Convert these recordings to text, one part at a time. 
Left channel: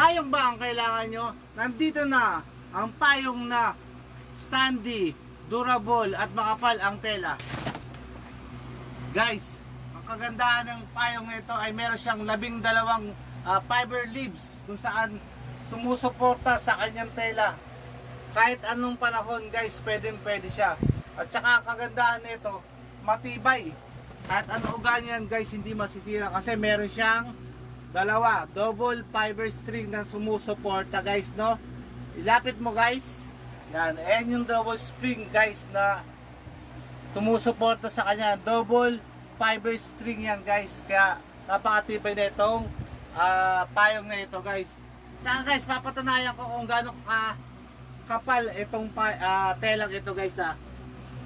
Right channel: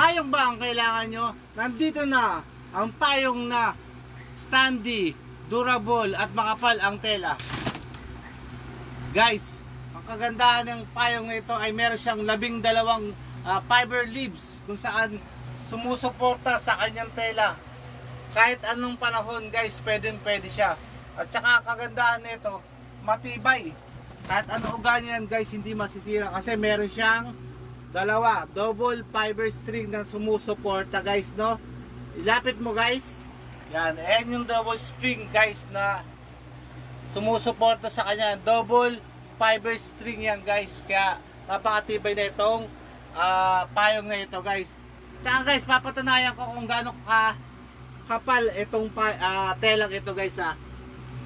Payong ba ang kailangan nyo? Nandito na ang payong na standy, durable at makapal ang tela. Guys, ang kagandahan ng payong na ito ay meron siyang 12 fiber leaves kung saan sumusuporta sa kanyang tela. Kahit anong panahon guys, pwede siya. At saka kagandahan nito, matibay. Kahit ano ugan yan guys, hindi masisira kasi meron siyang double fiber string na sumusuporta guys, no? Ilapit mo guys. Yan, ayan yung double string guys na sumusuporta sa kanya. Double fiber string yan guys. Kaya napakatibay na itong payong na ito guys. Tsaka guys, papatunayan ko kung gaano kapal itong telang ito guys.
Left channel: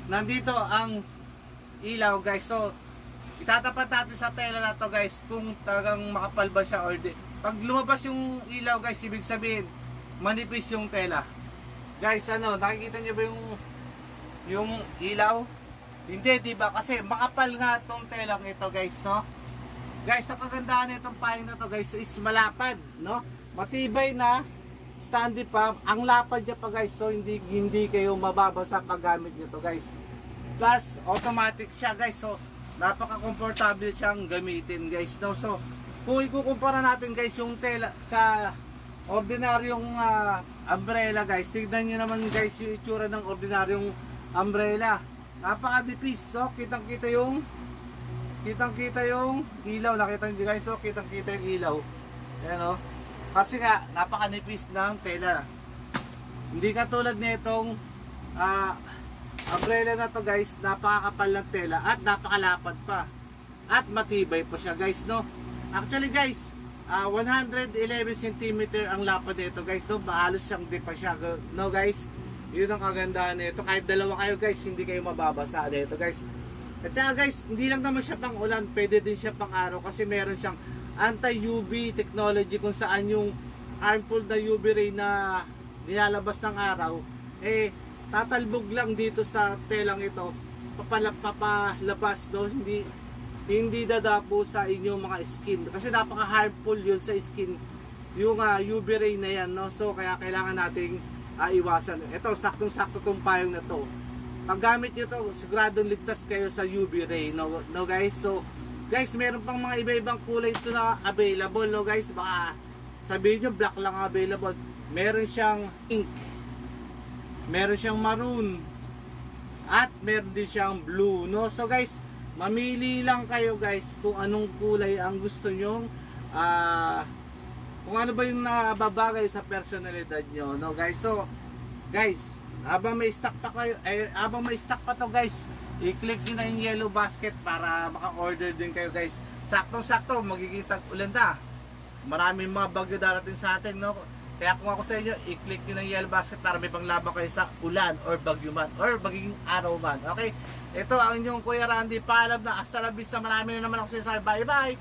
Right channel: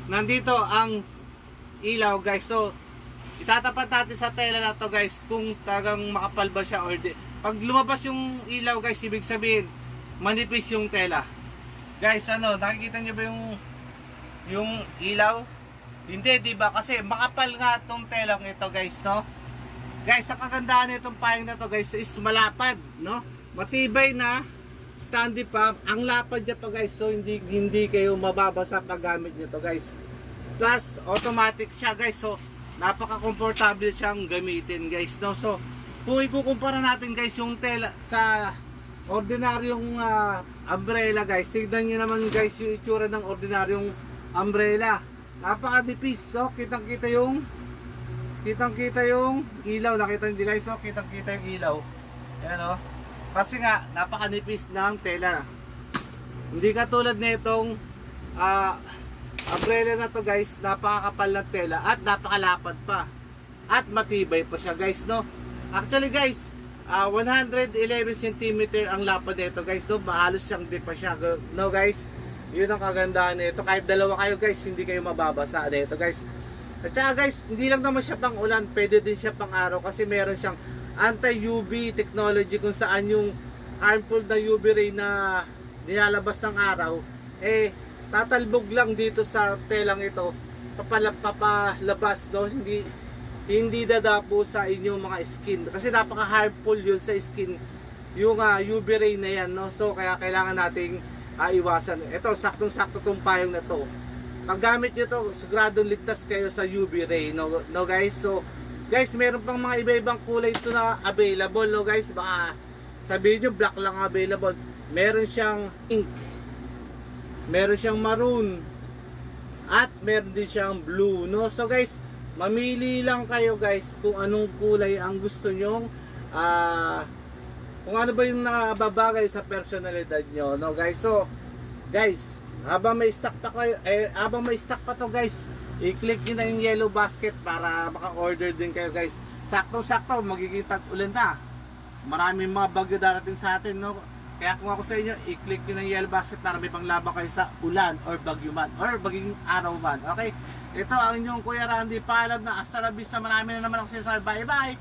Nandito ang ilaw guys. So itatapat natin sa tela na to guys kung talagang makapal ba siya or di. Pag lumabas yung ilaw guys, ibig sabihin manipis yung tela. Guys, nakikita niyo ba yung ilaw? Hindi, di ba? Kasi makapal nga tong telang ito guys, no? Guys, ang kagandahan nitong payong na to guys is malapad, no? Matibay na, standy pa, ang lapad niya pa guys, so hindi kayo mababasa pag gamit niyo to guys. Plus automatic siya guys, so napaka-comfortable siyang gamitin guys, no? So kung ikukumpara natin guys yung tela sa ordinaryong umbrella guys, tignan nyo naman guys yung itsura ng ordinaryong umbrella. Napaka-nipis. So kitang-kita yung ilaw. Nakita nyo guys, so kitang-kita yung ilaw. Ayan, kasi nga napaka-nipis ng tela. Hindi katulad nitong umbrella na to guys, napakakapal ng tela at napakalapad pa at matibay pa siya guys, no? Actually guys, 111 cm ang lapad nito guys, no? Halos siyang di pa siya, no guys? Yun ang kagandahan nito. Kahit dalawa kayo guys, hindi kayo mababasa nito guys. At saka guys, hindi lang naman siya pang ulan, pwede din siya pang araw kasi meron siyang anti-UV technology kung saan yung harmful na UV ray na nilalabas ng araw tatalbog lang dito sa telang ito, papalabas, no? Hindi dadapo sa inyong mga skin kasi napaka-harmful yun sa skin yung UV ray na yan, no? So kaya kailangan nating iwasan. Ito, saktong-sakto tong payong na to. Pag gamit nyo to, siguradong ligtas kayo sa UV ray, no guys? So guys, meron pang mga iba-ibang kulay ito na available, no guys? Baka sabihin nyo black lang available. Meron siyang pink, meron siyang maroon, at meron din siyang blue, no? So guys, mamili lang kayo guys kung anong kulay ang gusto nyong kung ano ba yung nababagay sa personalidad nyo, no guys? So guys, habang may stock pa kayo, habang may stock pa to guys, i-click nyo na yung yellow basket para maka-order din kayo guys. Sakto-sakto, magiging tag-ulan na, maraming mga bagyo darating sa atin, no? Kaya kung ako sa inyo, i-click nyo ng yellow basket para may panglaban kayo sa ulan or bagyo man or magiging araw man. Okay? Ito ang inyong Kuya Randy. Paalam na. Hasta la vista. Marami na naman ako sinasabi. Bye bye!